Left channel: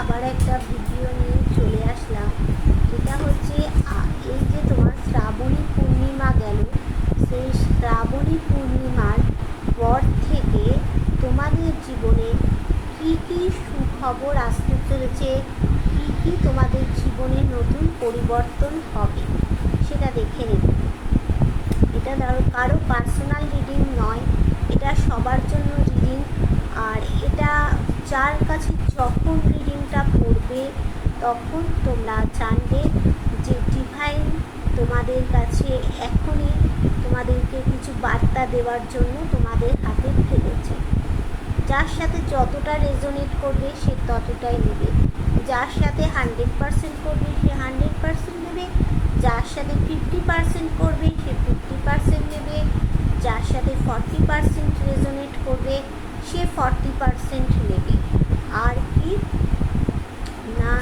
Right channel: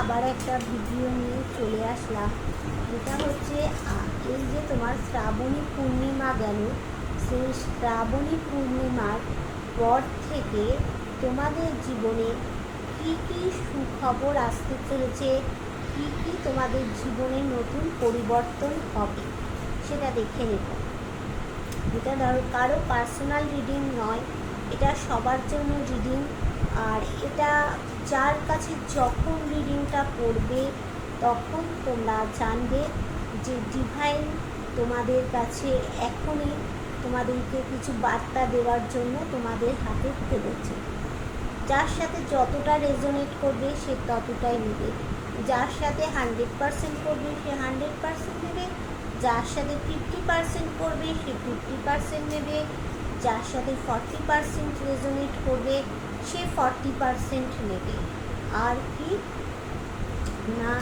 আবার একটা ভিডিও নিয়ে চলে আসলাম। যেটা হচ্ছে এই যে তোমার শ্রাবণী পূর্ণিমা গেল, সেই শ্রাবণী পূর্ণিমার পর থেকে তোমাদের জীবনে কী কী সুখবর আসতে চলেছে, কী কী তোমাদের জীবনে নতুন পরিবর্তন হবে সেটা দেখে নেব। এটা ধরো কারো পার্সোনাল রিডিং নয়, এটা সবার জন্য রিডিং। আর এটা যার কাছে যখন রিডিংটা পড়বে তখন তোমরা জানবে যে ডিভাইন তোমাদের কাছে এখনই তোমাদেরকে কিছু বার্তা দেওয়ার জন্য তোমাদের হাতে ফেলেছে। যার সাথে যতটা রেজোনেট করবে সে ততটাই নেবে, যার সাথে 100% করবে সে 100% নেবে, যার সাথে 50% করবে সে 50% নেবে, যার সাথে 40% রেজোনেট করবে সে 40% নেবে। আর কি না,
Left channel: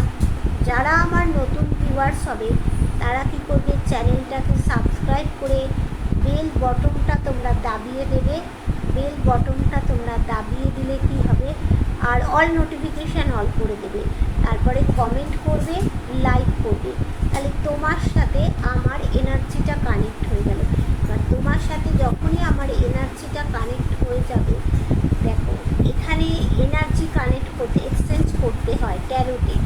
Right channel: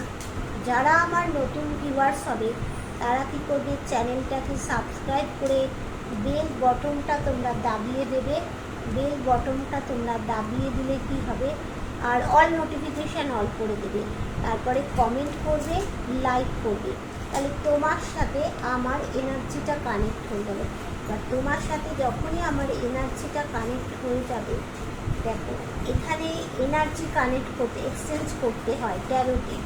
যারা আমার নতুন ভিউয়ার্স হবে তারা কি করবে, চ্যানেলটাকে সাবস্ক্রাইব করে বেল বটনটা তোমরা দাবিয়ে দেবে। বেল বটনটা তোমরা দাবিয়ে দিলে কি হবে, আর অল নোটিফিকেশান অল করে দেবে। তারপরে কমেন্ট করবে, লাইক করবে, তাহলে তোমার সাথে আমার এনার্জিটা কানেক্ট হয়ে গেল। এবার তোমার সাথে যখনই আমার এনার্জিটা কানেক্ট হয়ে যাবে, দেখো এখানে এনার্জি কানেক্ট করতে, এক্সচেঞ্জ করতে হয় ট্যারোটে,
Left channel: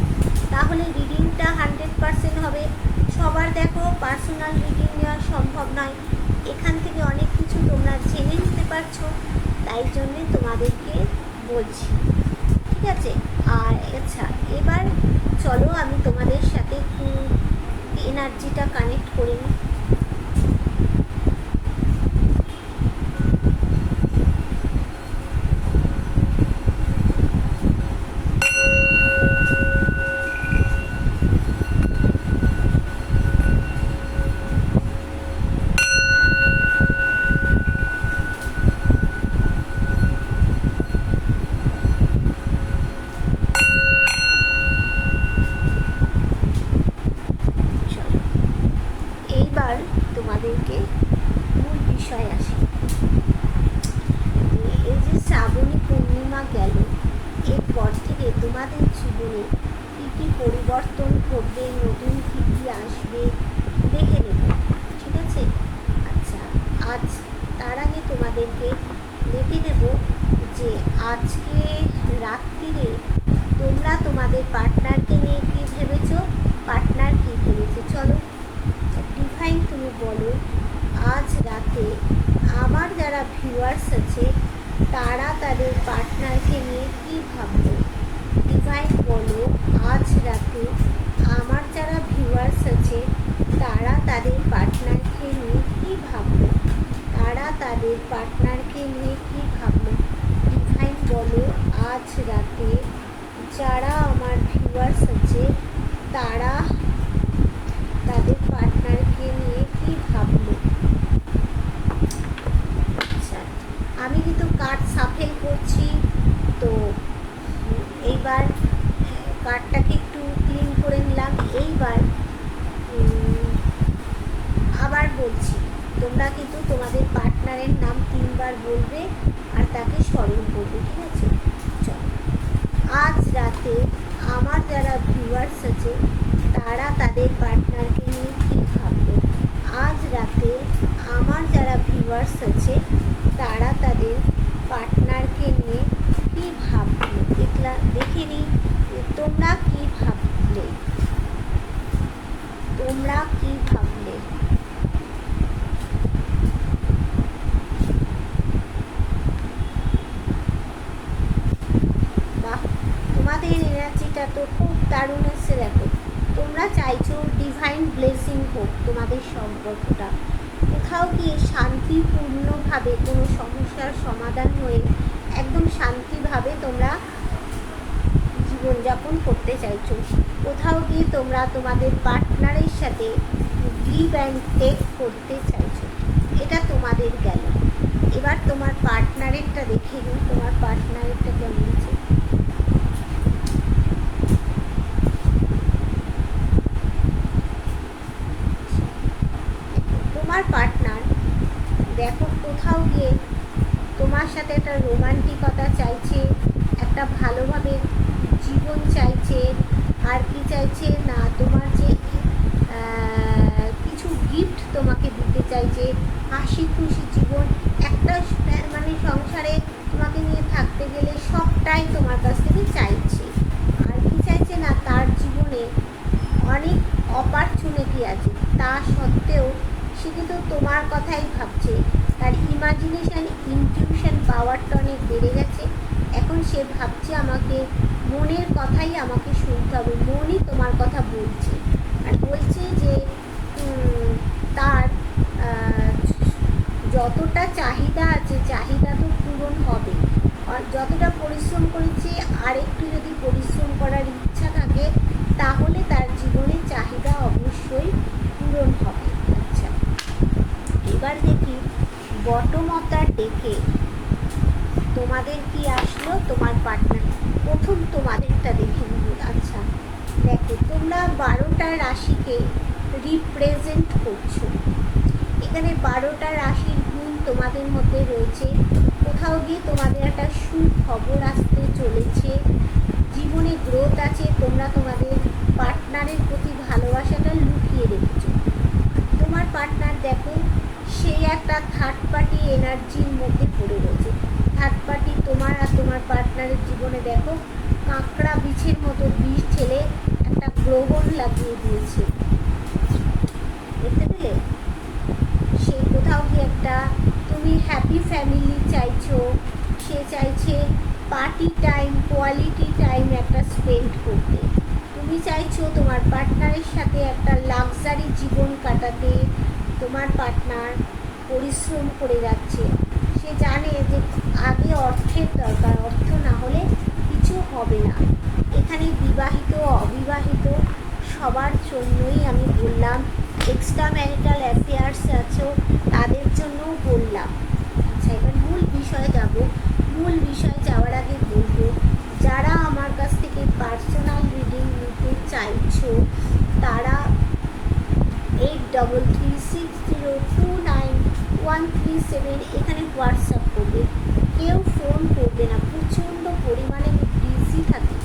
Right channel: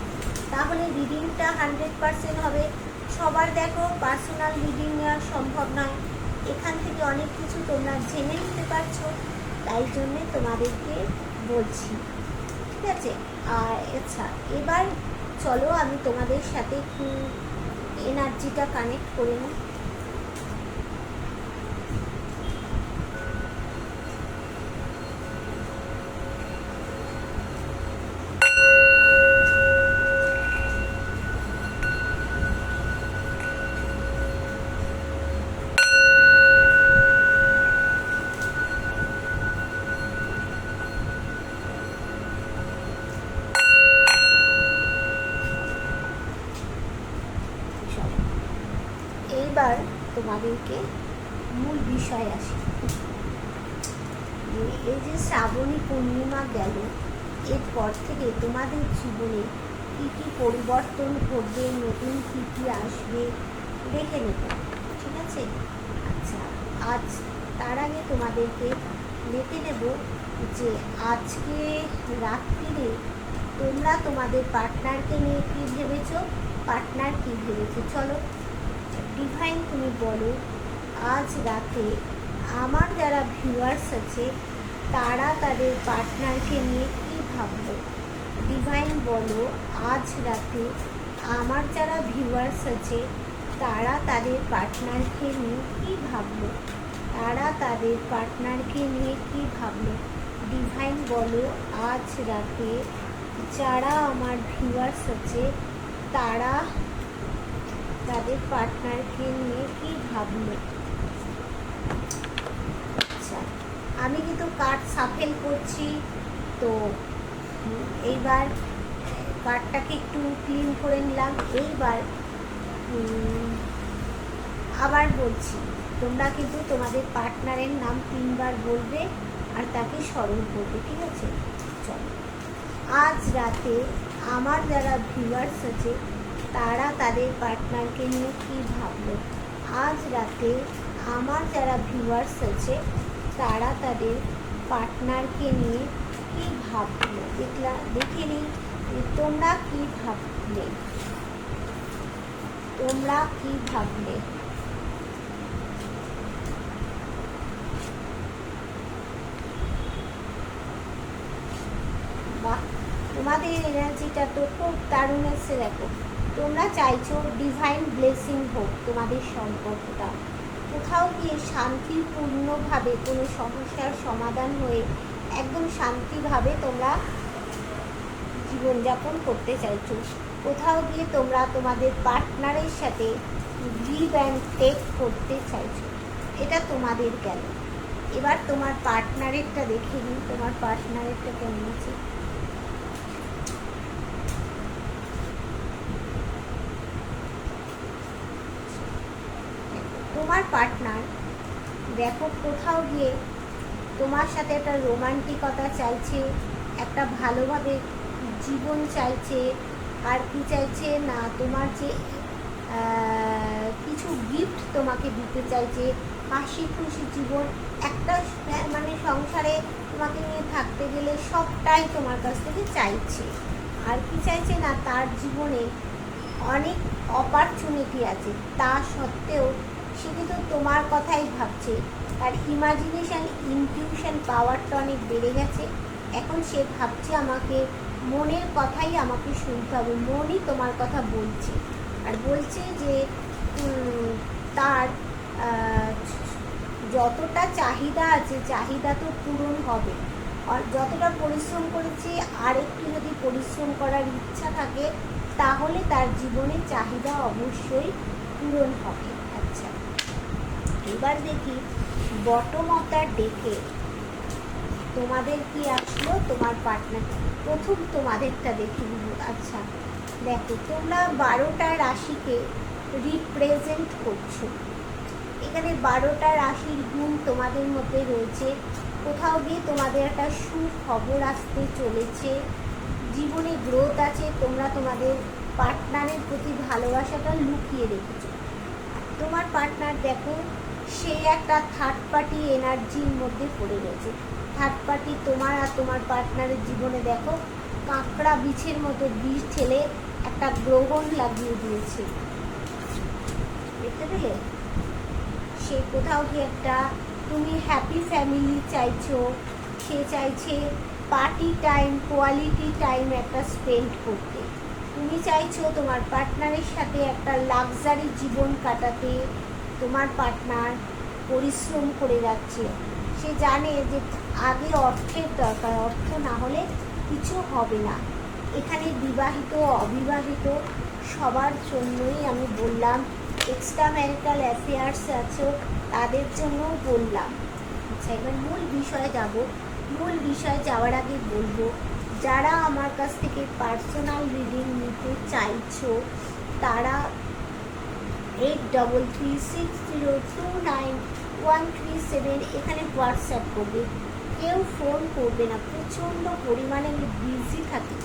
তাহলে রিডিংটা 100% হবে। সবার দেখো পার্সোনাল রিডিং নেওয়া সম্ভব নয়, এখান থেকে অনেক কিছু তোমরা জেনে নিতে পারছো, তাই জন্যে তোমাদেরকে বলছি, ঠিক আছে। আর আচ্ছা, এবার চলো আমি তোমাদের সাথে একটু এনার্জিটা কানেক্ট করে নিই। এইবার তোমাদেরকে মূল বিষয় আসি। এই যে শ্রাবণী পূর্ণিমা গেল, এরপর থেকে তোমাদের জীবনে কী কী পরিবর্তন ঘটবে, নতুন কী কী আসবে দেখে নেব, ঠিক আছে। আচ্ছা, আজ তার আগে তোমাদেরকে দেখে নেব যে আজকে রাত্রিরে তোমরা তোমাদের পার্টনারকে নিয়ে কী ভেবেছো, পার্টনার কী ভেবেছে। চলো ডিভাইন তুমি বলো, আজ রাতে আমার যারা ভিউয়ার্স আছে তারা তাদের পার্টনারকে নিয়ে কী ভাবলো। ডিভাইন বলো, আজ রাতে আমার যারা ভিউয়ার্স আছে তারা তাদের পার্টনারকে নিয়ে কী ভাবলো, তারা তাদের পার্টনারকে নিয়ে কী ভাবলো। ডিভাইন বলো, আজ রাতে যারা আমার ভিউয়ার্স আছে তারা তাদের পার্টনারকে নিয়ে কী ভাবলো। আচ্ছা, আমি কিন্তু কার্ড সাফেল করছি, তো এইবার কার্ডটাকে একটু ক্লিন করে নিলাম। এইবার আবার বলছি, তোমরা কিন্তু তোমাদের পার্টনারের নাম 3 বার বলবে আর তাকে স্মরণ করবে, ঠিক আছে। চলো, আজ রাতে আমার যারা ভিউয়ার্স আছে তারা তাদের পার্টনারকে নিয়ে কী ভাবলো। আজ রাতে আমার যারা ভিউয়ার্স আছে তারা তাদের পার্টনারকে নিয়ে কী ভাবলো, দেখে নিই তোমরা কী ভাবলে, তোমরা কী ভাবলে। বাহ, তোমাদের এনার্জিটা তো খুব দারুণ এসছে। দেখো তোমরা চাইছো ডিভাইন ব্লেসিং হোক তোমাদের সম্পর্কটা, কোথাও গিয়ে শান্তিপূর্ণভাবে কোনো সমস্যার সমাধান হয়ে একদম শান্তিভাবে তোমরা জীবনযাপন করতে চাইছো। কোথাও গিয়ে তোমরা তোমাদের পার্টনারের সাথে গিভ অ্যান্ড টেক করতে চাইছো, এটা তোমাদের গেল। এবার তোমার পার্টনারেরটা দেখে নিন, তোমার পার্টনারেরটা কেমন আছে। তোমার পার্টনার দেখো কোথাও গিয়ে তোমার সাথে একটা রোমান্টিকতা চাইছে, একটা ভালোভাবে জীবন চাইছে, আর কি চাইছে না তোমার যে কিছু গিফট তোমাকে দিতে চাইছে, হাসি খুশি জীবন, একটা মানে সংসারে তোমাকে নিয়ে থাকতে গেলে সবটাই তোমার কাছ থেকে চাইছে। আর কি চাইছে না তার জীবনে অনেক অপরচুনিটি আছে, তা সত্ত্বেও সে কিন্তু তোমার কথাই ভাবছে। তার ইমাজিনেশান ইনটিউশন পাওয়ারটা অনেক বেড়ে গেছে। এখন সে ভাবছে আমাকে মনের কথাই আমাকে শুনতে হবে, মনই তোমার কথা বলছে। আর বলছে যে তার যতটা চাহিদা আছে চাহিদা তো পূরণ হবে, আর যতটা পরিশ্রম করেছে আর একটু যদি পরিশ্রম করার ইচ্ছা থাকে তাহলে তার জীবনে চাহিদা অবশ্যই পূরণ হবে। আচ্ছা, এবার দেখি বটম অফ দ্য ডেকে তোমাদের কি আসলো, তোমার পার্টনার। প্রথম তোমাদেরটা দেখে নিব। আচ্ছা দেখো, তোমরা 12টা রাশিকে রিপ্রেজেন্ট করছো। এখানে 12টা রাশির গুণ তোমাদের মধ্যে রয়েছে। কোথাও গিয়ে তোমাদের একটা সুখবর আসতে চলেছে, জীবনে গ্রোথ আছে। তোমরা তোমাদের পার্টনারের প্রতি ভালোবাসাটা লুকিয়ে রেখেছো। তোমার পার্টনার দেখো, সে একটা থার্ড পার্টি এনার্জির মধ্যে পড়ে রয়েছে। থার্ড পার্টি তোমার আর তোমার পার্টনারের জীবনে দেখো কাঁকড়া বিছের মতো বিষ ঠেলে একটা গ্রহণ লাগিয়ে দিয়েছে, দেখতে পেলে? সে কোথাও কি একটা, তুমি হ্যাপি ফ্যামিলি চাইছো, সে চাইছে পার্টি টাইম, কোয়ালিটি টাইম একটা স্পেন্ড করতে। তুমি চাইছো তোমার পার্টনারের সাথে একটা লাক্সারি জীবন কাটাতে। তোমার পার্টনার পরিশ্রম করে যাচ্ছে, সে জানে যে আগে অর্থের দরকার, অর্থ না হলে কিছু হবে না। এখানে বিবাহিত অবিবাহিত সবার জন্যই আমি বললাম, এক্সট্রা ম্যারিটাল অ্যাফেয়ার্স আছো তাদের জন্যও বললাম। আচ্ছা, এবার মূল বিষয়ে যাব। মূল বিষয়ে যাওয়ার আগে বলবো, যারা আমার কাছ থেকে পার্সোনাল রিডিং নিতে চাইছো তারা 8336029137 এখানে হোয়াটসঅ্যাপ করবে। কেউ ফোন করবে না, প্রচণ্ড পরিমাণে আমি বিজি থাকি।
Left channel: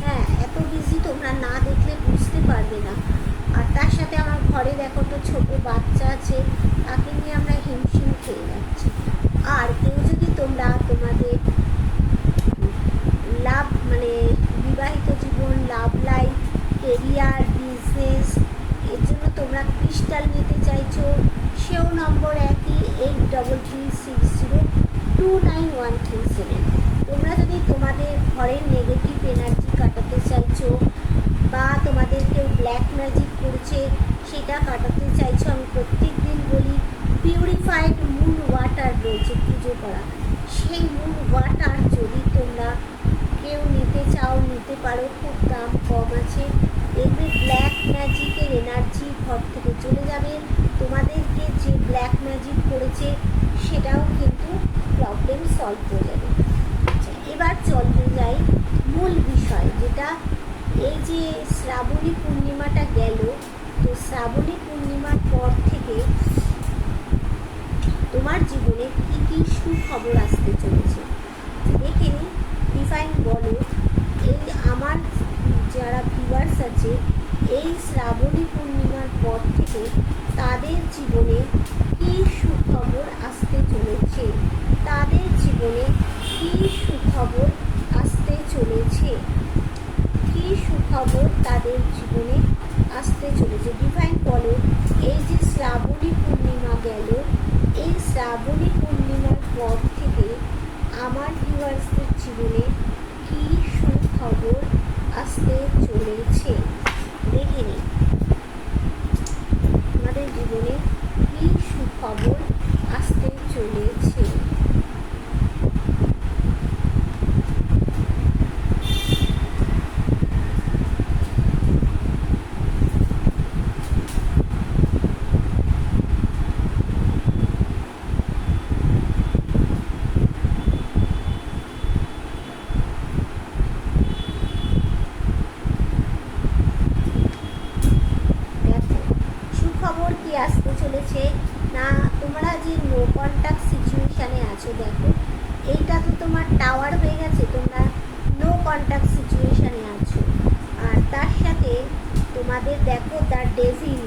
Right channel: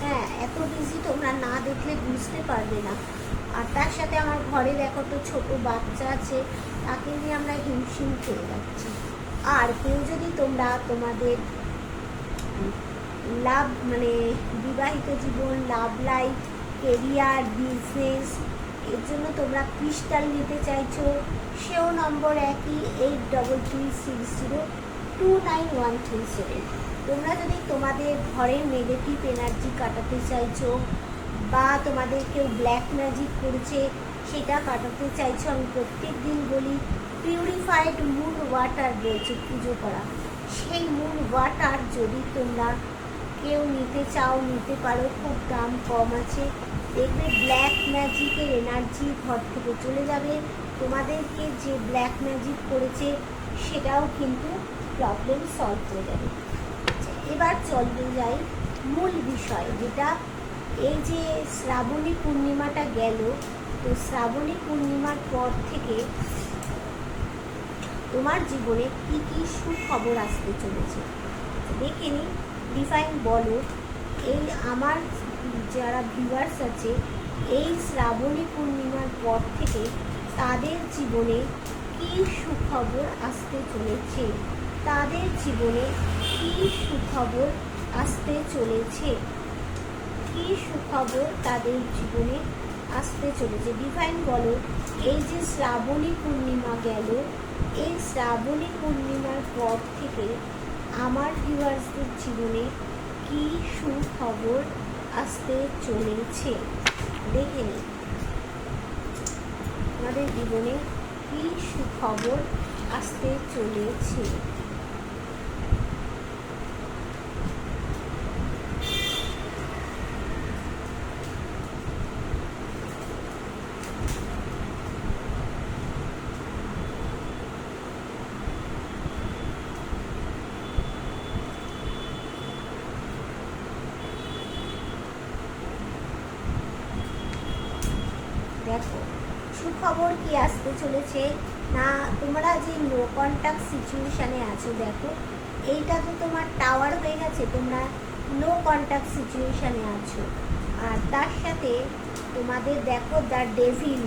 হ্যাঁ, এত বিজি তোমরা না দেখলে বুঝতে পারবে না। আর তার সাথে আমার ঘরে দেখো তো ছোটো বাচ্চা আছে, তাকে নিয়ে আমরা হিমশিম খেয়ে যাচ্ছি। আর কেউ যদি তোমরা তোমাদের লাভ মানে বিবাহিত জীবন, লাভ লাইফ, কেরিয়ার, বিজনেস এর জন্য তোমরা ক্রিস্টাল নিতে চাইছো, সেও নম্বর একই 8336029137। তোমরা যদি তোমাদের ঘরের নেগেটিভ এনার্জি কাটাতে চাইছো বা তোমাদের কেউ ব্ল্যাক ম্যাজিক করছে সেটা কাটাতে চাইছো, আমি প্রত্যেক দিন বলি পিউরিফাইড মুন ওয়াটার রয়েছে পুজো করা, সেই মুন ওয়াটার যদি তোমরা কেউ নিতে চাও নিতে পারো, খুব দাম কম আছে। দেখবে ব্ল্যাক ম্যাজিকের এনার্জি ঘর থেকে চলে যাবে, তোমাদেরকে যে ব্ল্যাক ম্যাজিক করেছে সেটাও কিন্তু প্রবলেম সলভ হয়ে যাবে। আচ্ছা, এবার চলতে যাই মূল বিষয়, যেটা এই যে শ্রাবণী পূর্ণিমাটা গেল, তো শ্রাবণী পূর্ণিমার পর থেকে তোমার জীবনে কী কী সুখবর আসতে চলেছে দেখে নিই। ডিভাইন বলো, এই আমার যারা ভিউয়ার্স আছে, এই শ্রাবণী পূর্ণিমার পর থেকে তাদের জীবনে কী সুখবর আসতে চলেছে, তাদের জীবনে কী সুখবর আসতে চলেছে, কী সুখবর তাদের জীবনে আসতে চলেছে। ডিভাইন বলো, এই যে শ্রাবণী পূর্ণিমা গেল, এই শ্রাবণী পূর্ণিমার পর থেকে আমার ভিউয়ার্সদের জীবনে কী সুখবর আসতে চলেছে দেখে নিই। আমাদের জীবনে কী সুখবর আসতে চলেছে। সুখবর কি আসতে চলেছে না, তোমরা যে নো কন্ট্যাক্ট সিচুয়েশানে আছো, দেখো এইটা তো তোমার টাওয়ার হয়ে গেছে, তোমরা নো কন্ট্যাক্ট সিচুয়েশানে আছো। আর তার সাথে তোমাদের দেখো দ্য ডেভিল,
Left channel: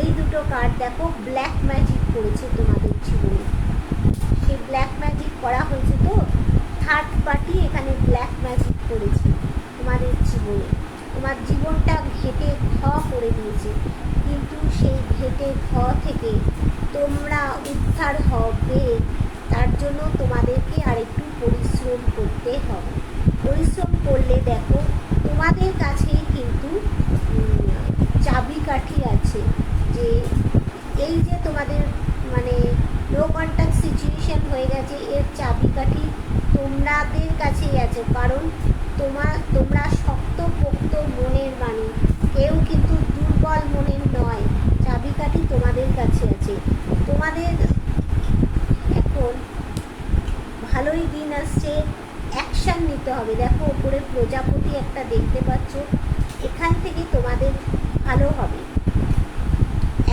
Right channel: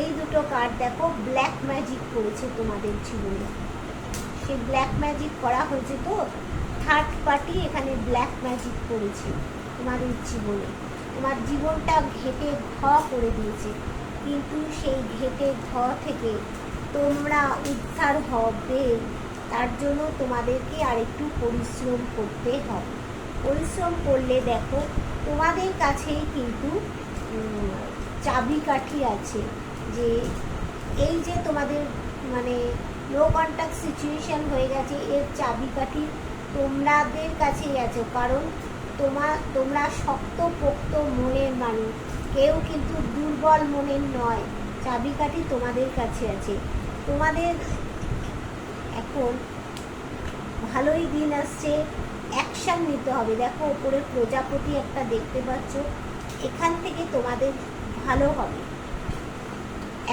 এই দুটো কার্ড দেখো ব্ল্যাক ম্যাজিক করেছে তোমাদের জীবনে। সেই ব্ল্যাক ম্যাজিক করা হয়েছে, তো থার্ড পার্টি এখানে ব্ল্যাক ম্যাজিক করেছে তোমাদের জীবনে। তোমার জীবনটা ঘেটে ঘ করে দিয়েছে, কিন্তু সেই ঘেটে ঘ থেকে তোমরা উদ্ধার হবে। তার জন্য তোমাদেরকে আরেকটু পরিশ্রম করতে হবে। পরিশ্রম করলে দেখো তোমাদের কাছেই কিন্তু চাবিকাঠি আছে, যে এই যে তোমাদের মানে নো কন্ট্যাক্ট সিচুয়েশান হয়ে গেছে, এর চাবিকাঠি তোমাদের কাছেই আছে। কারণ তোমরা শক্তপোক্ত মনের মানুষ, কেউ কিন্তু দুর্বল মনের নয়। চাবিকাঠি তোমাদের কাছে আছে। তোমাদের এখন ভালোই দিন আসছে, অ্যাকশান নিতে হবে। দেখো ওপরে প্রজাপতি একটা দেখতে পাচ্ছ, এখান থেকে তোমাদের ভালো হবে।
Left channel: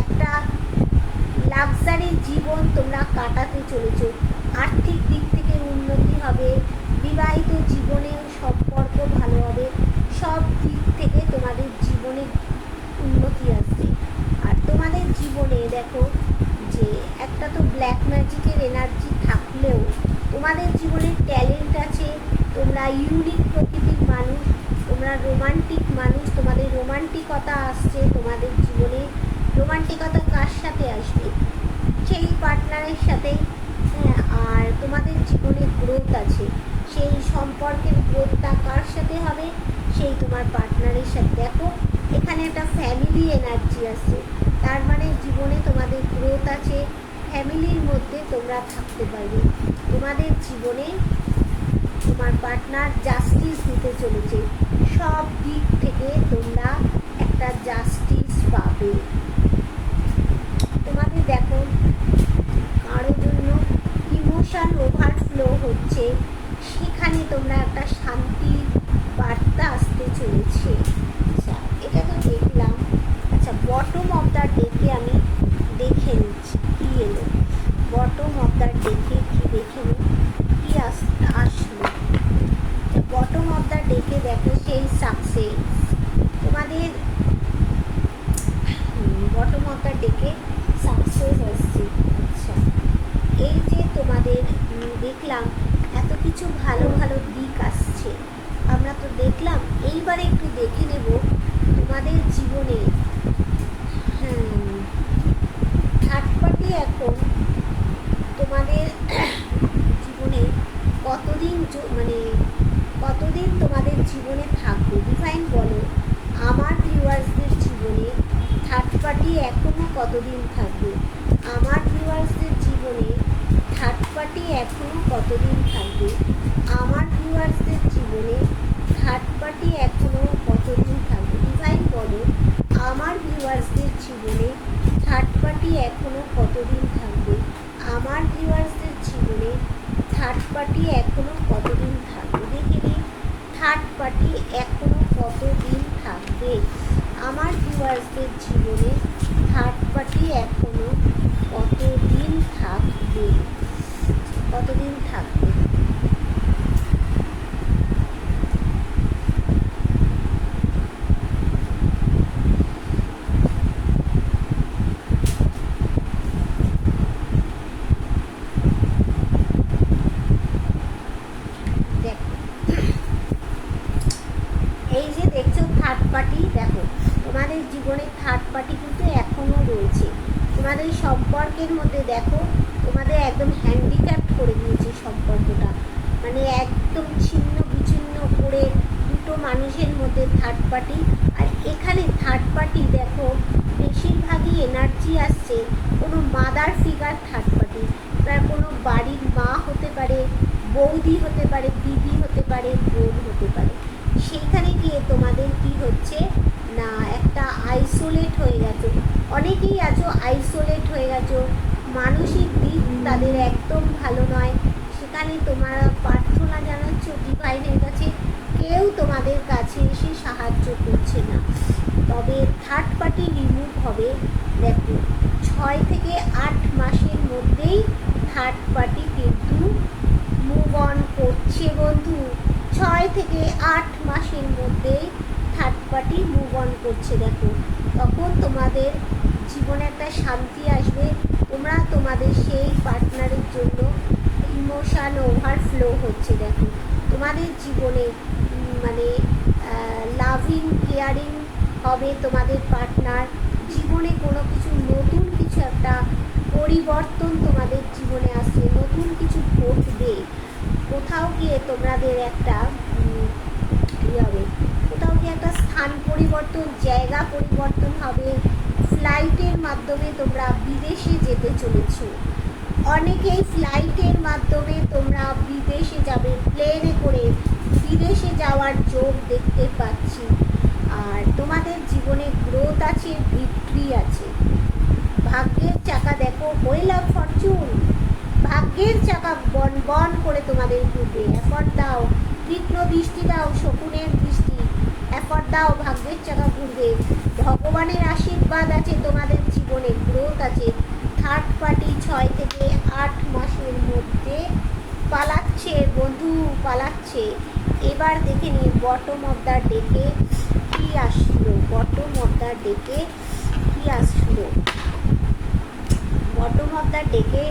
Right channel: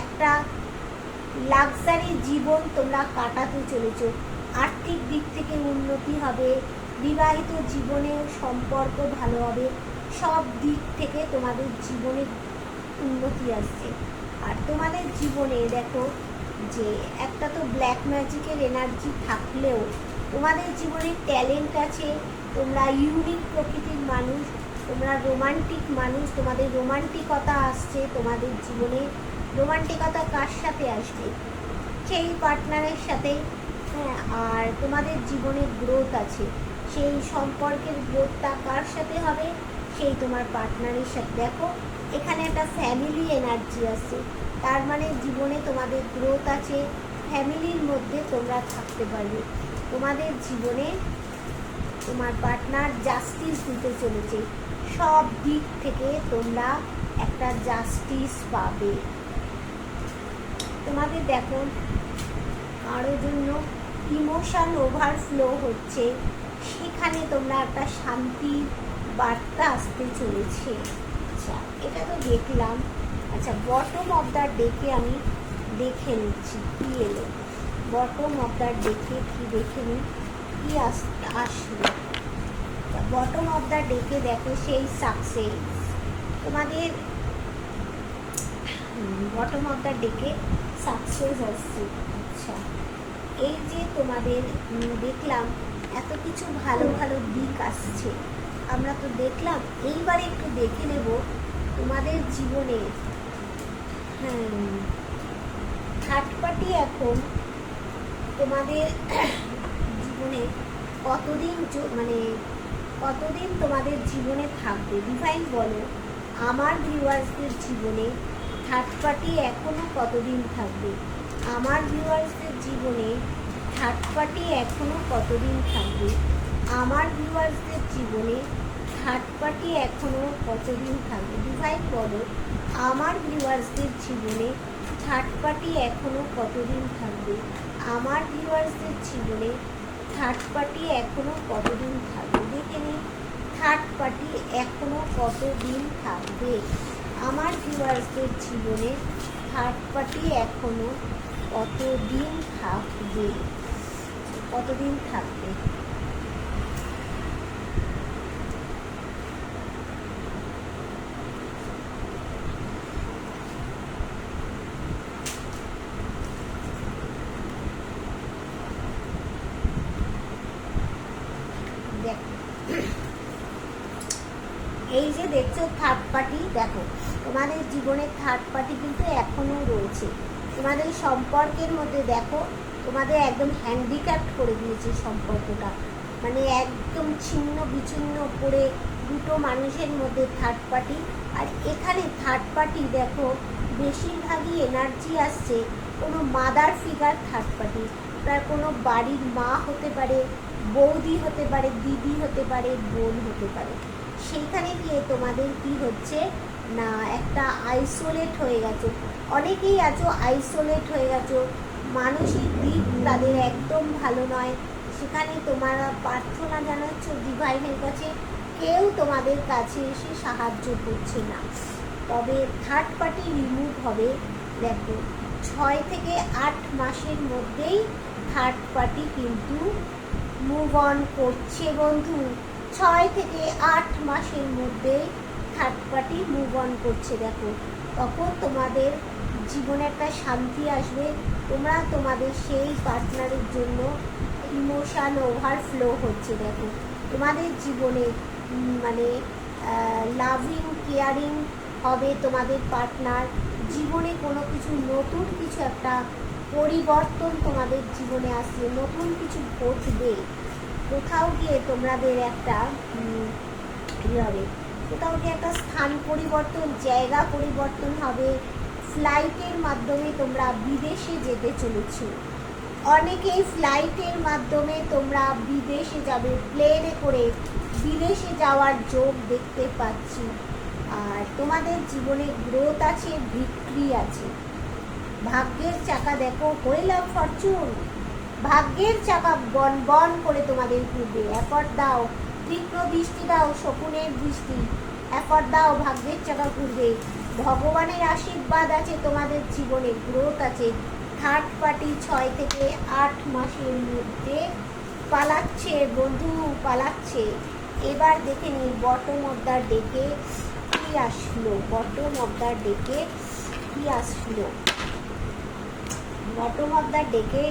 একটা লাক্সারি জীবন তোমরা কাটাতে চলেছো। আর্থিক দিক থেকে উন্নতি হবে, বিবাহিত জীবনেও সম্পর্ক ভালো হবে, সব দিক থেকে তোমাদের জীবনে উন্নতি আসছে। আর তোমাদের জীবনে দেখো যে একটা তো ব্ল্যাক ম্যাজিকের এনার্জি থাকলেও তোমাদের জীবনে ট্যালেন্ট আছে। তোমরা ইউনিক প্রকৃতির মানুষ, তোমরা রোমান্টিক মানুষ, তোমাদের রোমান্টিকতা আসছে তোমাদের জীবনে। রোমান্টিকতা কার সাথে আসবে? সেই পার্টনারের সাথেই। হ্যাঁ, আর তোমাদের জীবনে গ্রোথ আছে, সেই সম্পর্কের গ্রোথটা কার সাথে হবে? সেই তোমার পার্টনারের সাথে। দেখো এখানে একটা ফ্যামিলি এনার্জি আছে, তার মানে জীবনে তোমাদের গ্রোথ আছে, ফ্যামিলির মধ্যে তোমরা থাকতে পারবে। তোমাদের জীবনে তোমার পার্টনার জাস্টিস দিতে চলেছে, সব দিক থেকে তোমরা একটা জাস্টিস পাবে। তোমাদের দেখো কারোর জন্য ইমোশন ওভারফ্লো হচ্ছে, সেখানে তোমরা একটা শান্তির বার্তা আসতে চলেছে। আচ্ছা, এটা তো দেখলাম। আচ্ছা, বটম অফ দ্য ডেকে আমি দেখে নিচ্ছি কী এলো। বটম অফ দ্য ডেকে কি দেখে নিই, কী আসলো। বটম অফ দ্য ডেকে দেখো সেই সাকসেস তোমাদের। বটম অফ দ্য ডেকে সাকসেস আসছে। আচ্ছা, এই যে তোমাদের দেখলাম এত কিছু ভালো ভালো দিক আসছে, আমরা তো দেখলাম। এইবার একটু দেখে নেব তোমাদের জীবনে। হ্যাঁ, থার্ড পার্টি এখন তোমাদের জীবনে কতদিন তোমাদের জীবনে থাকবে? ডিভাইন বলো আমার ভিউয়ার্সদের জীবনে থার্ড পার্টি এখনও কতদিন থাকবে? আমার ভিউয়ার্সদের জীবনে থার্ড পার্টি এখনও কতদিন থাকবে? আমার ভিউয়ার্সদের জীবনে থার্ড পার্টি এখনও কতদিন থাকবে? ডিভাইন বলো আমার ভিউয়ার্সদের জীবনে থার্ড পার্টি এখনও কতদিন থাকবে? আমার ভিউয়ার্সদের জীবনে থার্ড পার্টি এখনও কতদিন থাকবে? দেখে নিই থার্ড পার্টি এখনও কতদিন থাকবে। আমার ভিউয়ার্সদের জীবনে থার্ড পার্টি এখনও কতদিন থাকবে? কতদিন থাকবে? এই যে দেখছো থার্ড পার্টি, দেখো তোমাদের জীবনে থার্ড পার্টি কিন্তু এখনও রয়েছে। তোমাদের সম্পর্কের মধ্যে দেখো তোমাদের একদম হ্যান্ডিক্যাপ্ট করে দিয়েছে সম্পর্কটা, মানে একদম ছিন্ন বিচ্ছিন্ন করে দুটো মানুষের মধ্যে থার্ড পার্টি। আর এখানে থার্ড পার্টি দেখো বেশিরভাগই এনার্জি আসছে কোনো মাদার ফিগার থার্ড পার্টি। তার কোনো বাড়ির মা হতে পারে, বৌদি হতে পারে, দিদি হতে পারে, বোন হতে পারে। সেইখানে গিয়ে তোমাদের কি হচ্ছে না, একটা আইসোলেট হয়ে গেছো। অনেকেই আছো আইসোলেট হয়ে গেছো, মানসিক দিক তাদের একদম ভালো নয়। সেখানে তোমরা প্রার্থনা জানাচ্ছ ডিভাইনের কাছে, কেউ তোমাদের কাছে এসে সাহায্য করছে না। তবে থার্ড পার্টি রিমুভ হবে। দেখো 6 থেকে 8 মাসের মধ্যেই থার্ড পার্টি কিন্তু মুভ অন করছে বন্ধু। 6 থেকে 8 মাসের মধ্যেই থার্ড পার্টি মুভ অন করছে। দেখো তখন তোমাদের জীবনে একটা শান্তি আসবে। তোমরা তোমাদের সেই পার্টনারের জন্য ইমোশান ওভারফ্লো হচ্ছে। দেখো তোমাদের জীবনে মানে লাভিং কেয়ারিং হবে তোমাদের পার্টনার। জীবনে কোনো কিছু নতুন কিছু একটা পরিবর্তন তোমাদের জীবনে আসছে, নতুন কিছু ঘটবে। কোথাও গিয়ে তোমাদের একটা হবে, কোথাও গিয়ে একটা স্থান পরিবর্তন, জায়গা পরিবর্তন হবে। ফ্লাইটের মাধ্যমে তোমরা বিদেশে যেতে চলেছো। অনেকেই ফ্লাইটের মাধ্যমে তোমরা বিদেশে যাবে, প্লেনে করে বিদেশে যাওয়ার যোগ দেখতে পাচ্ছি। আর তোমাদের জীবনে গ্রোথ আছে, ভিক্টরি আছে। ভাগ্যের চাকা দেখো, হুইল অফ ফরচুন, ভাগ্যের চাকা বন বন করে তোমাদের ঘুরবে। এফর্ট দাও, তীক্ষ্ণ দৃষ্টি দাও, শকুনের দৃষ্টি, এফর্ট দাও, ভাগ্যের চাকা ঘুরবে। ভগবানের আশীর্বাদ আছে তোমাদের জীবনে, গ্রোথ আছে। থার্ড পার্টি 6 থেকে 8 মাসের মধ্যে পালাচ্ছে বন্ধু, পালাচ্ছে। এবার দেখে নিন বটম অফ দ্য ডেকে কি আসলো, বটম অফ দ্য ডেকে কি আসলো। বটম অফ দ্য ডেকে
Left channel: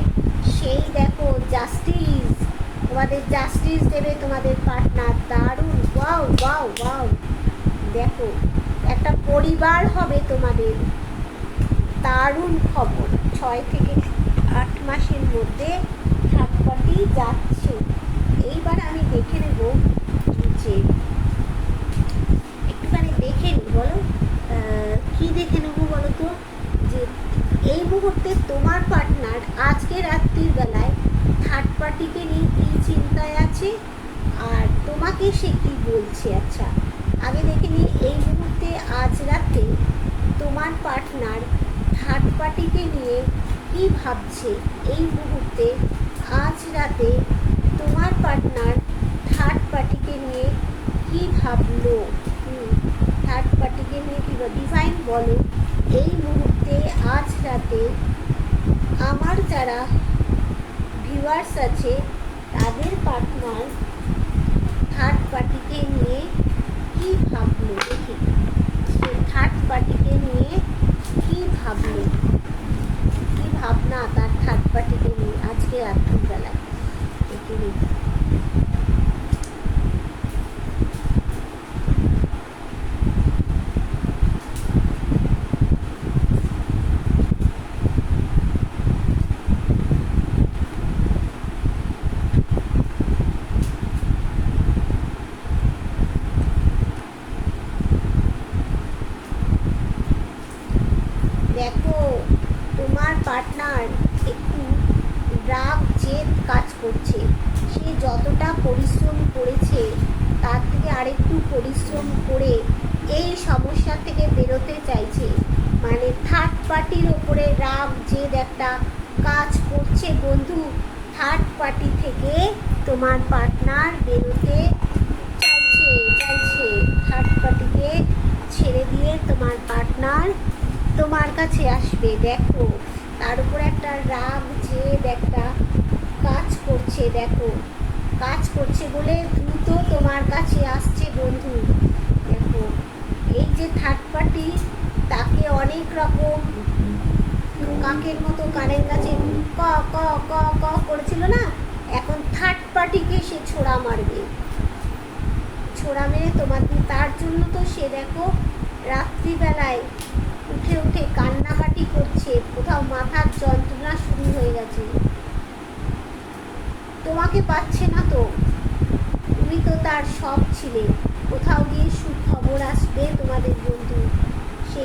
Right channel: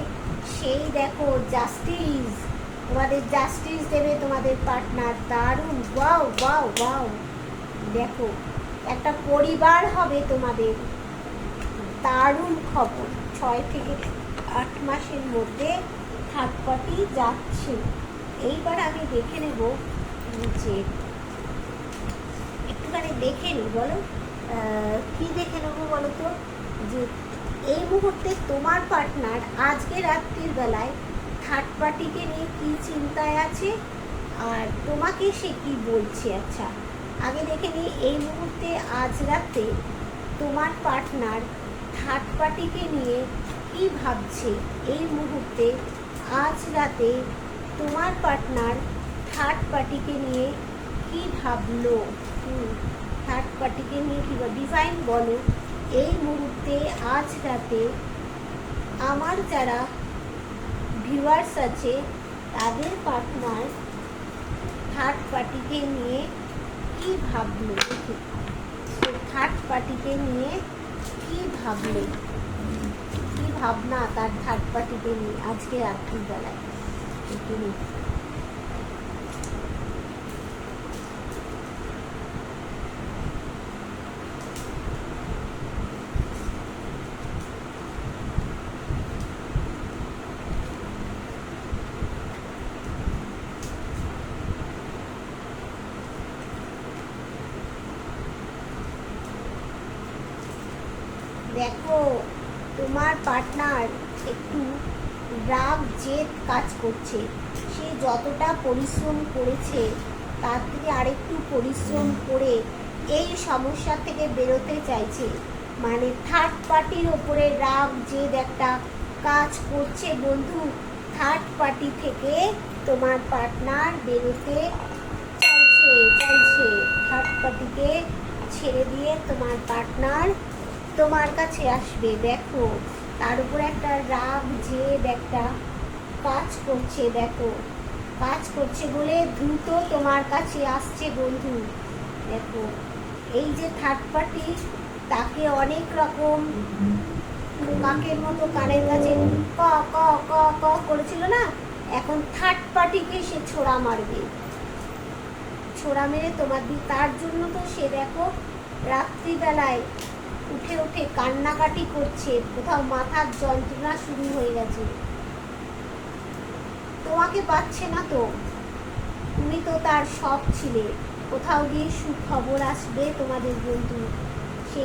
সেই দেখো জাস্টিস, তোমাদের জাস্টিস দেবে তোমাদের পার্টনার। দারুণ, ওয়াও ওয়াও ওয়াও। দেখো একটা পরিবার হবে তোমাদের, দারুণ খবর। 6 থেকে 8 মাসের মধ্যে থার্ড পার্টি যাচ্ছে। এইবার আমি দেখে নেব যে একটুখানি দেখে নিই, বলো কি দেখে নেবো বলো তো, যে এই মুহূর্তে তোমার পার্টনার আজকে রাত্রির বেলায় থার্ড পার্টিকে নিয়ে কী চিন্তায় আছে আর তোমাকে সে কি বলছে। আচ্ছা আগে দেখে নিই এই মুহূর্তে আজ রাতে তোমার পার্টনার থার্ড পার্টিকে নিয়ে কি ভাবছে। এই মুহূর্তে আজ রাতে তোমার পার্টনার থার্ড পার্টিকে নিয়ে কি ভাবলো, থার্ড পার্টিকে নিয়ে কী ডিভাইন বলো। এই মুহূর্তে আজ রাতে আমার যারা ভিউয়ার্স আছে তাদের পার্টনার থার্ড পার্টিকে নিয়ে কি ভাবলো, দেখি থার্ড পার্টিকে নিয়ে কি ভাবলো, কি ভাবনা তার থার্ড পার্টিকে নিয়ে আজকে রাত্রিবেলায়। দেখে নিই। দেখো তোমার পার্টনার একটু রাগ জেদ কাজ করছে। সে যতটা পরিশ্রম করেছে তার থেকে আরেকটু পরিশ্রম করে এই সমস্যা থেকে বেরোতে চাইছে। মানে থার্ড পার্টির ওপরে রাগ জেদ একটা কাজ করছে বন্ধু। থার্ড পার্টি থেকে তোমার পার্টনার বেরোতে চাইছে। থার্ড পার্টিকে ছেড়ে দিয়ে তোমার পার্টনার তোমার কাছে আসবে। দেখো তার উপর একটা রাগ জেদ একটা কাজ করছে। দেখো কাজ করছে বলে দ্রুত তোমার কাছে আসছে বন্ধু। দেখো এই যে থার্ড পার্টি তাকে অনেক রকম কাকের মতো কানের কাছে ক ক ক ক করেছিল না, এখন থার্ড পার্টিকে সে ছোড়া মারবে, ছোড়া মেরে তোমার দিন। তার জন্য তো সে দেখো রাত্রিবেলায় উঠে উঠে কান্নাকাটি করছে, কোথাও মাথার যন্ত্রণা শুরু হয়ে গেছে। তোমাকে পাচ্ছে না তো, তুমি তো তার সব ছিলে। কোথাও গিয়ে সুখবর আসবে তোমাদের বন্ধু। সে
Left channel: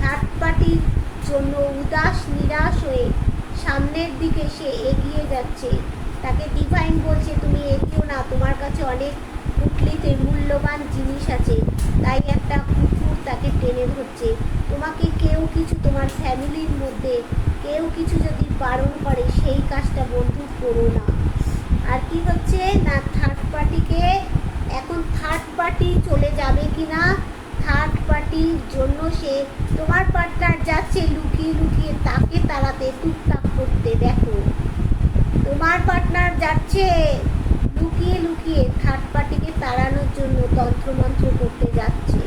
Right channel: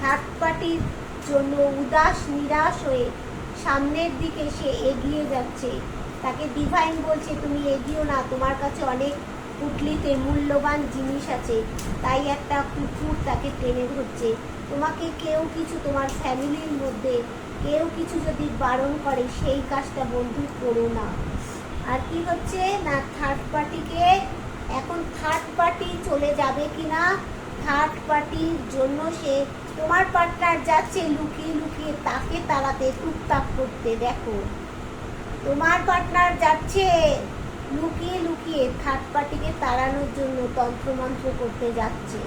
থার্ড পার্টির জন্য উদাস নিরাশ হয়ে সামনের দিকে সে এগিয়ে যাচ্ছে। তাকে ডিভাইন বলছে তুমি এগিয়েও না, তোমার কাছে অনেক পুটলিতে মূল্যবান জিনিস আছে। তাই একটা কুকুর তাকে টেনে ধরছে। তোমাকে কেউ কিছু, তোমার ফ্যামিলির মধ্যে কেউ কিছু যদি বারণ করে সেই কাজটা বন্ধু করো না। আর কি হচ্ছে না, থার্ড পার্টিকে এখন থার্ড পার্টি চলে যাবে কি না, থার্ড পার্টির জন্য সে তোমার পার্টনার যাচ্ছে লুকিয়ে লুকিয়ে তাকে তাড়াতে, টুকটাক করতে। দেখো তোমার পার্টনার যাচ্ছে লুকিয়ে লুকিয়ে থার্ড পার্টিকে তাড়ানোর জন্য তন্ত্রমন্ত্র করতে যাচ্ছে,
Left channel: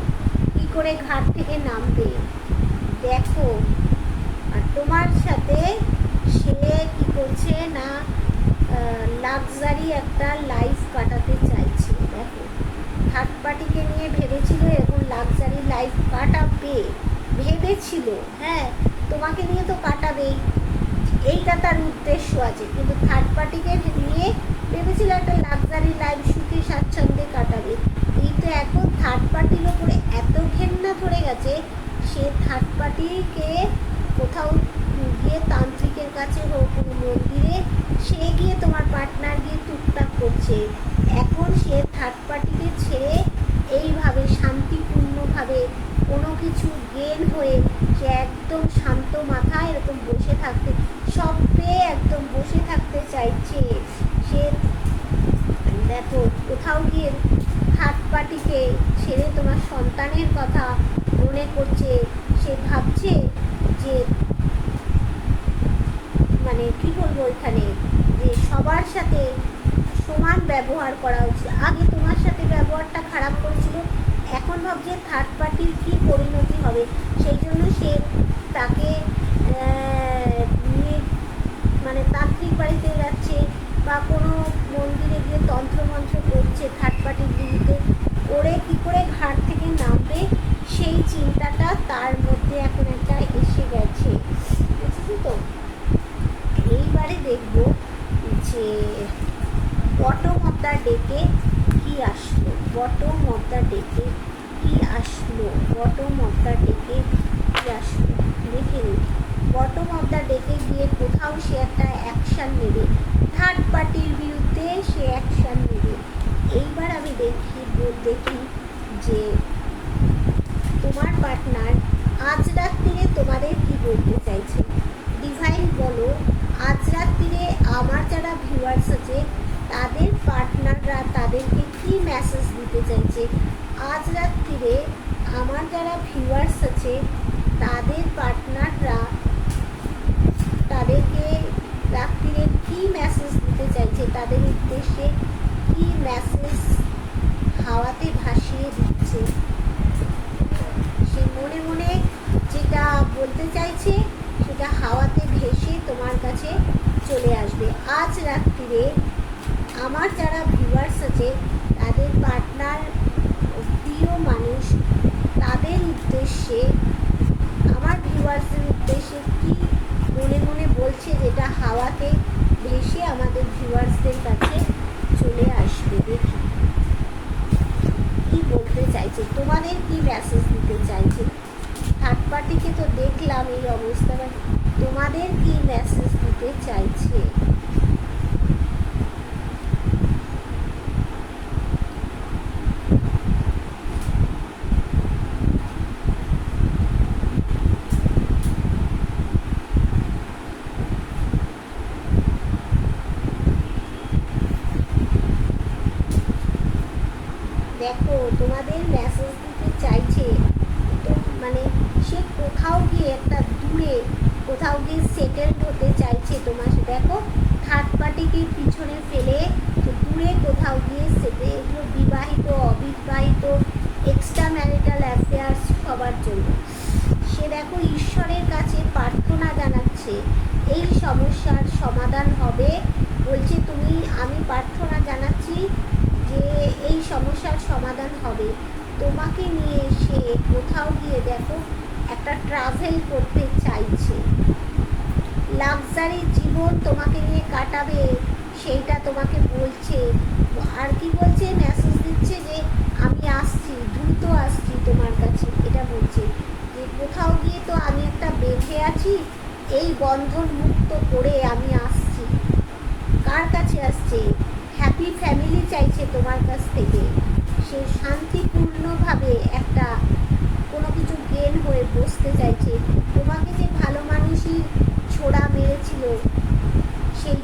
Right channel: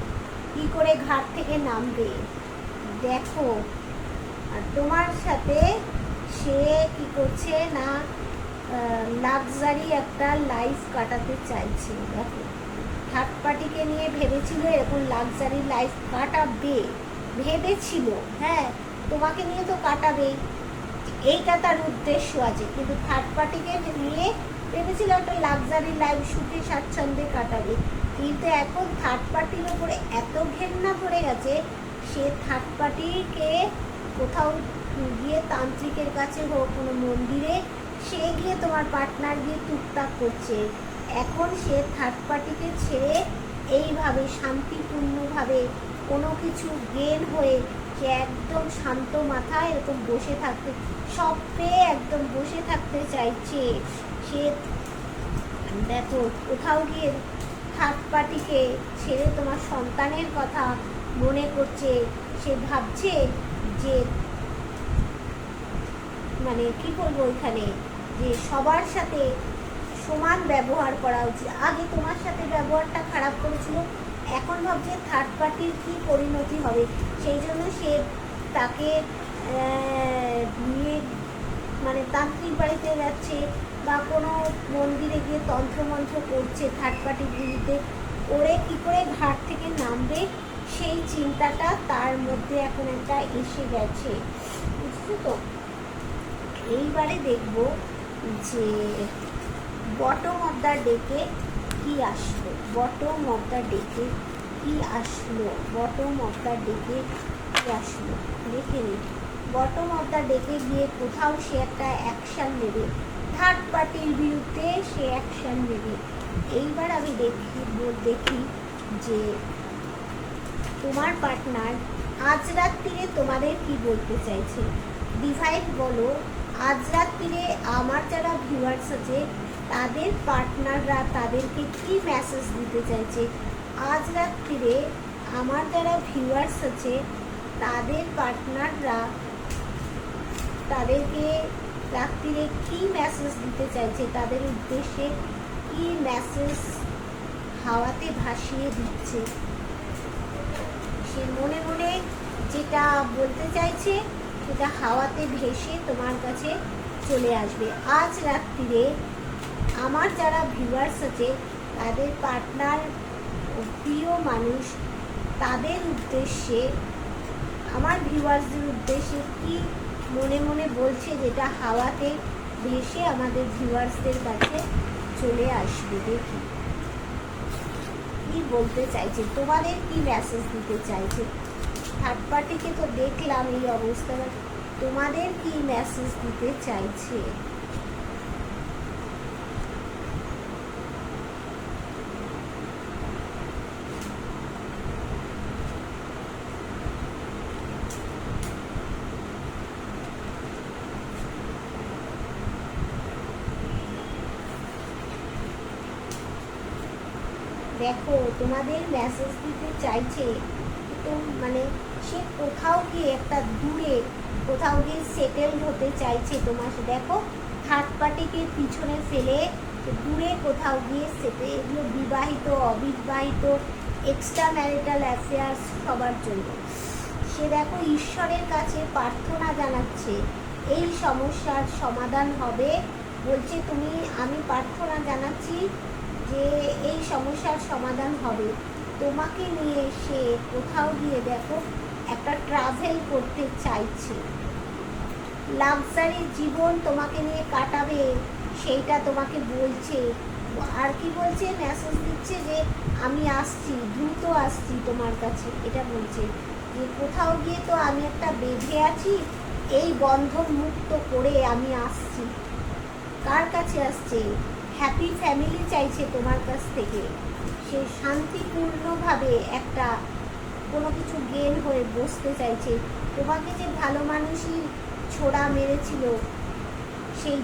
কি করে ঘাট থেকে নামবে দেখো। আর তোমার সাথে সে কি করছে না, লাক্সারি একটা লাইফ কাটাতে চাইছে। দেখো, থার্ড পার্টিকে নিয়ে ভেবেছিল এরকম লাক্সারি লাইফ কাটাবে, ভেবেছিল, হ্যাঁ তোমাকে নিয়ে তো কাটাবেই, এইটা তার উদ্দেশ্য আছে, কিন্তু থার্ড পার্টিকে নিয়ে ভেবেছিল একটা লাক্সারি লাইফ সুখে স্বাচ্ছন্দ্যে কাটাবে। কিন্তু এখন থার্ড পার্টির ওপরে এত ঘেন্না পড়ে গেছে, সে থার্ড পার্টিকে কোথাও গিয়ে তান্ত্রিকের কাছে হোক, কোনো মন্দিরে সে গিয়ে তোমার পার্টনার গিয়ে টুকটাক করছে। এখন সে থার্ড পার্টিকে ছেড়ে এইভাবে শান্তিপূর্ণভাবে কোনো কিছু জ্ঞান হয়ে সে একদম শান্ত মাথায় এরকম বসে থাকতে, সব পেয়ে একদম বসে থাকতে চাইছে। সে দেখো কোথাও গিয়ে থার্ড পার্টিকে ছেড়ে তোমার সন্তানের কথা মনে করছে। সে ভাবছে যে মানে কি বলবো এখানে, যে সবার সাথে সমান ব্যবহার করা উচিত। আগে তোমার সাথে ব্যবহারটা খারাপ করেছিল, এখন ভাবছে থার্ড পার্টির কী পরিণতি হবে, সেই জন্য সে তাকে নিয়ে মানে তান্ত্রিক বাড়িতে যাচ্ছে বা কোনো মন্দিরে গিয়ে তন্ত্রমন্ত্র করছে থার্ড পার্টির বিরুদ্ধে, করে কী করে ঘাট থেকে নামবে সেই চিন্তাটা তার মধ্যে এখন একটা এসে গেছে, বুঝছো তো। এইবারে দেখব যে বটম অফ দ্য ডেকে কি আসলো, বটম অফ দ্য ডেকে কি আসলো, বটম অফ দ্য ডেকে কি আসলো দেখে নিই। বটম অফ দ্য ডেকে গিয়ে কোথাও সে একটা অ্যাকশান নেবে, থার্ড পার্টির বিরুদ্ধে সে অ্যাকশান নেবে। এইবার আমি দেখি যে তোমার পার্টনার আজ রাত্রিরে তোমাদের কি বলতে চাইছে। ডিভাইন বলো, আজ রাত্রিরে আমার যারা ভিউয়ার্স আছে তাদের পার্টনাররা তাদেরকে কি মেসেজ দিতে চাইছে। আজ রাত্রিরে আমার যারা ভিউয়ার্স আছে তাদের পার্টনাররা তাদেরকে রাত্রিরে কি মেসেজ দিতে চাইছে, তাদের উদ্দেশ্যে কি মেসেজ হাওয়াতে ভাসিয়ে দিচ্ছে। সে মনে মনে যেটা বলতে চাইছে সেটা হাওয়াতে ভেসে তোমার কাছে চলে আসবে। আজ রাত্রিরে আমার যারা ভিউয়ার্স আছে তাদের পার্টনার, প্রিয় মানুষ, তাদের উদ্দেশ্যে, আমার ভিউয়ার্সদের উদ্দেশ্যে কি মনে মনে বলছে যেটা হাওয়াতে ভেসে আমাদের ভিউয়ার্সদের কাছে চলে আসবে। দেখি কি বলতে চাইছে, তোমাদের কি মেসেজ দিতে চাইছে। থার্ড পার্টিকে তো দেখলাম এই অবস্থা, তোমাদের কি মেসেজ দিতে চাইছে। দেখো তোমাদের মেসেজ দিতে চাইছে তো মানে সে কোথাও গিয়ে একটা দূরে কোথাও গিয়ে সেটেলড হতে চাইছে তোমার। দেখো থার্ড পার্টিকে পিছনে ফেলে সে দূরে কোথাও গিয়ে এগুলো বিবাহিত, অবিবাহিত, এক্সট্রা ম্যারিটাল অ্যাফেয়ার্স সবার জন্য সে দেখো ঈশ্বরের কাছে প্রার্থনা জানাচ্ছে এই সমস্যার সমাধান হবে। বলছে তুমি, আমি প্রার্থনা জানাচ্ছি যে এই সমস্যার সমাধান হবে। তোমাকে নিয়ে সে কোথাও গিয়ে দেখো একটা ট্রাভেল করতে চাইছে, লাক্সারি জীবন তোমাকে নিয়ে কাটাবে সেইটা তোমাকে বলছে। আর কি বলছে, মেসেজ দিচ্ছে যে আমি আসছি, দ্রুত আসছি তোমার কাছে, এটা বলছে যে কোথাও গিয়ে তো আমি একটা বেঁধে আছি, এই বন্ধন মুক্ত করে আমি আসছি। কার কাছে আসছে, হ্যাপি ফ্যামিলি চাইছে তোমার কাছ থেকে। সে শান্তিপূর্ণভাবে একটা কোনো কিছু জ্ঞান হয়ে বসতে চাইছে। তোমাকে যে ভালো মানুষই ছোড়া মেরেছিল সেই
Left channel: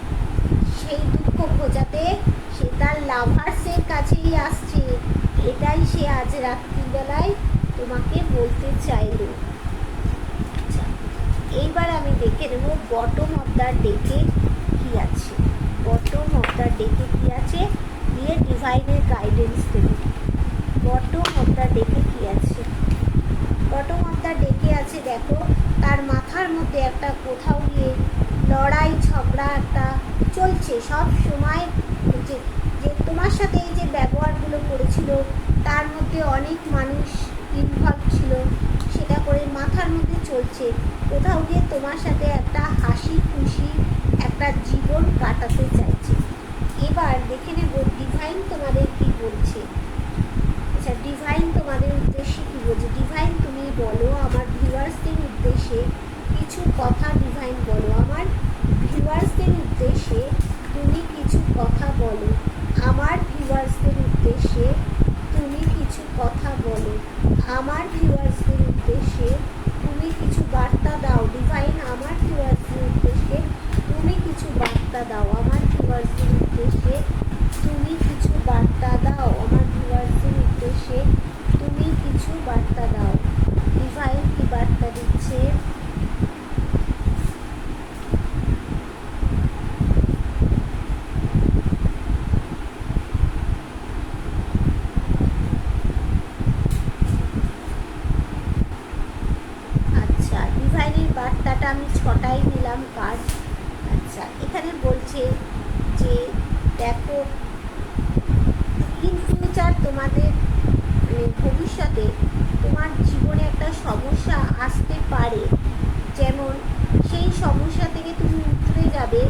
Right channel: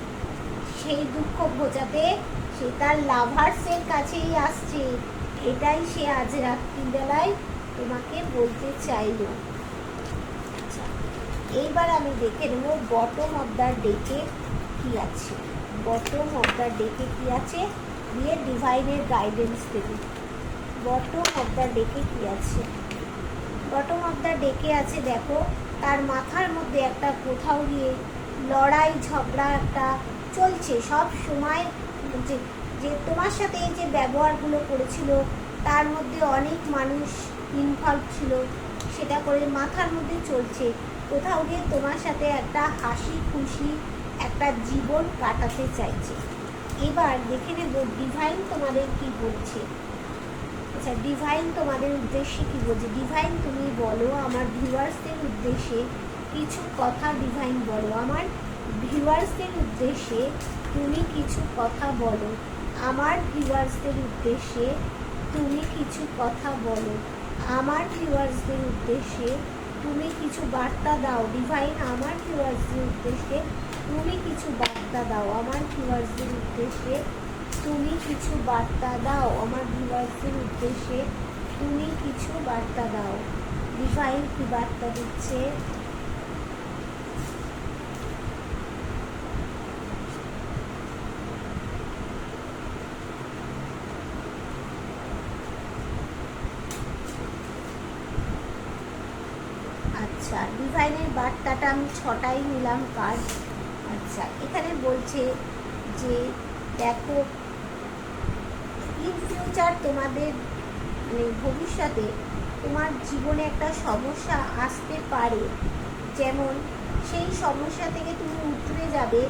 সেই দুঃখ ঘোচাতে সে তার লাভার্সের কাছেই আসছে, এটাই সে আজ রাত্রিবেলায় তোমাকে বলতে চাইল। আচ্ছা, এইবার আমি দেখে নেব বটম অফ দ্য ডেকে কি আছে। বটম অফ দ্য ডেকে কি আছে দিয়ে ডিভাইনের গাইডেন্স দেবে। বটম অফ দ্য ডেকে কী আছে? বটম অফ দ্য ডেকে আছে দেখো, তার মাথার মধ্যে একটা কোথাও গিয়ে লড়াই ঝগড়া একটা চলছে সব সময়, যে যে তোমার সাথে এই যে ব্যবহারগুলো করেছিল তার মধ্যে অনেক মানুষ ইনভলভ ছিল, সেটা করে মাথার মধ্যে চলছে। কোথাও গিয়ে তোমার সাথে একটা হাসি খুশি একটা জীবন কাটাতে চাইছে। এবার দেখে নেব ডিভাইন তোমাদের কি বলছে। আচ্ছা, ডিভাইন তোমাদের উদ্দেশ্যে কি বলছে? ডিভাইন তুমি বলো আমার ভিউয়ার্সদের উদ্দেশ্যে কিছু কথা। ডিভাইন বলো আমার ভিউয়ার্সদের উদ্দেশ্যে তুমি কিছু কথা বলো। আমার ভিউয়ার্সদের উদ্দেশ্যে তুমি কিছু কথা বলো। আমার ভিউয়ার্সদের উদ্দেশ্যে তুমি কিছু বার্তা দাও। ডিভাইন আমার ভিউয়ার্সদের উদ্দেশ্যে তুমি কিছু বার্তা দাও। আমার ভিউয়ার্সদের উদ্দেশ্যে তুমি কিছু বার্তা দাও। আমার ভিউয়ার্সদের উদ্দেশ্যে তুমি কিছু বার্তা দাও। ডিভাইন কি বার্তা দিচ্ছে? আচ্ছা, ডিভাইনের বার্তাটা আমি 6টাই নিলাম কার্ড। আচ্ছা, এখানে বলছে যে দেখো ইন ফিউচার তোমাদের মানে ভবিষ্যতে তোমার জীবনে একটা সমস্যা আসতে পারে, যেমন সেই সমস্যা থেকে তুমি উতরে যাবে।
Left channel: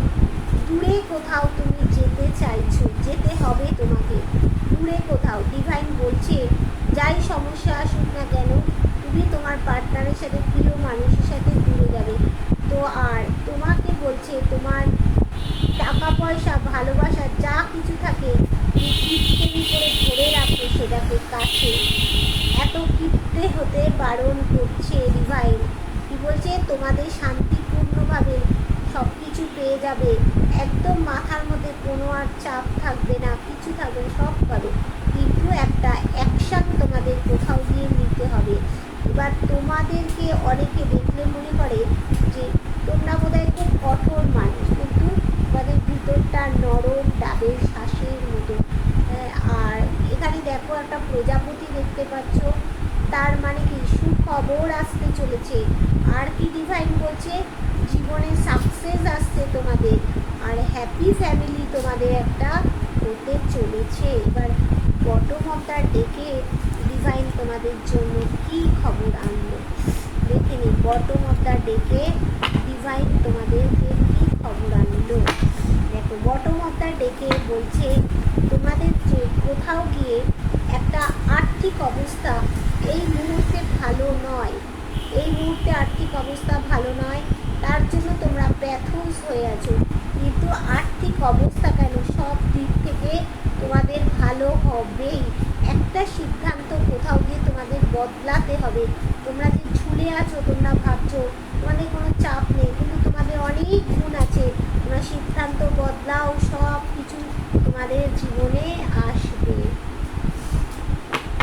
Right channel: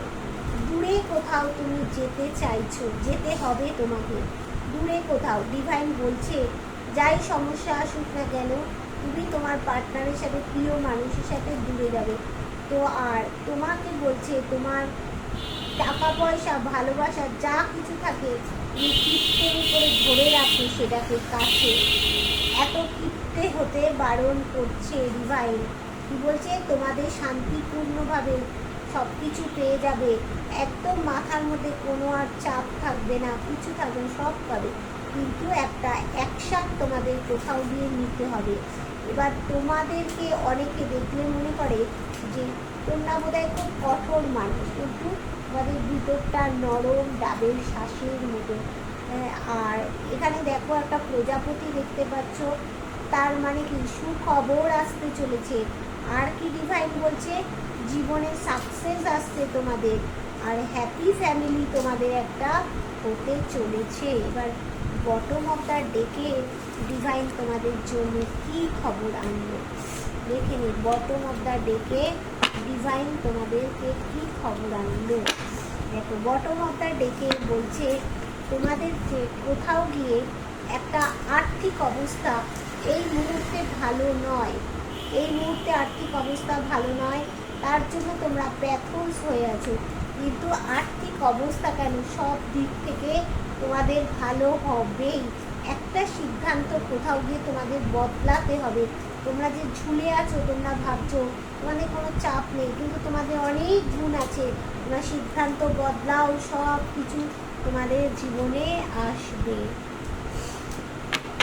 দূরে কোথাও তুমি যেতে চাইছো, যেতে হবে তোমাকে দূরে কোথাও। ডিভাইন বলছে যাই সমস্যা আসুক না কেন তুমি তোমার পার্টনারের সাথে, প্রিয় মানুষের সাথে দূরে যাবে। তো আর তোমাকে বলছে তোমার টাকা পয়সা ভালোবাসা যা কিছু থাকে তুমি কিপ্টেমি করে ধরে রাখো সেটাকে কাছে। এত কিপ্টে হতে বারণ করছে ডিভাইন। কি বলছে? তোমাদের শান্তিপূর্ণভাবে সব কিছু পেয়ে যাবে, একদম মাথার মধ্যে কোনো আর চাপ থাকবে না, কিছু থাকবে না, সব পাবে। কিন্তু একটা অ্যাকশান তোমাদের কোথাও গিয়ে নিতে হবে। এবার তোমাদেরকে অনেকে দেখলে মনে করে যে তোমরা বোধহয় খুব কঠোর মানুষ, কিন্তু তোমাদের ভিতরটা নরম ডাবের শ্বাসের মতো। আর এখানে দেখো একটা প্রজাপতি দেখতে পাচ্ছ, তার মানে কি সুখবর আসতে চলেছে। আর কি ডিভাইন বলছে? জীবনে সাকসেস আসছে তোমাদের, আর হ্যাপি ফ্যামিলি তোমাদের একটা হতে চলেছে। এবার বটম অফ দ্য ডেকে ডিভাইন তোমাদের জন্য কি খবর আনলো দেখে নি। বটম অফ দ্য ডেকে ডিভাইন তোমাদেরকে কি খবর আনলো দেখো। বটম অফ দ্য ডেকে বলছে তোমাদের যে কোথাও গিয়ে একটা আর্থিক অবস্থা এই মুহূর্তে ভালো নয়, এই মুহূর্তে আর্থিক অবস্থা ভালো নয়, তার জন্য তোমরা ব্যথস হয়ে আছো। কিন্তু আর্থিক অবস্থা কেন, সব দিক থেকে তোমাদের ভালো হবেই। একটা সিদ্ধান্ত কোথাও গিয়ে তোমাদের বদলাতে হবে। তোমরা যে ঝুলে আছো, তোমরা ভাবছো তোমাদের কোনো চাপ নেই, কিন্তু তোমাদের অনেক গুণ আছে। তোমরা সিদ্ধান্ত বদলাও, সব কিছু তোমাদের জীবনে আসবে।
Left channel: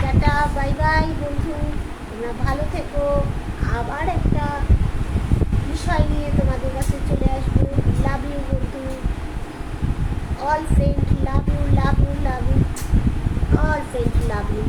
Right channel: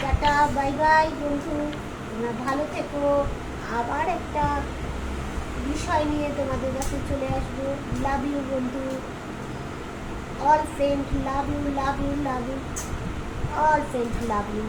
টাটা, বাই বাই বন্ধু, তোমরা ভালো থেকো। আবার একটা বিষয় নিয়ে তোমাদের কাছে চলে আসবো। লাভ ইউ বন্ধু, all friend love you, love you, love you, all friend love you.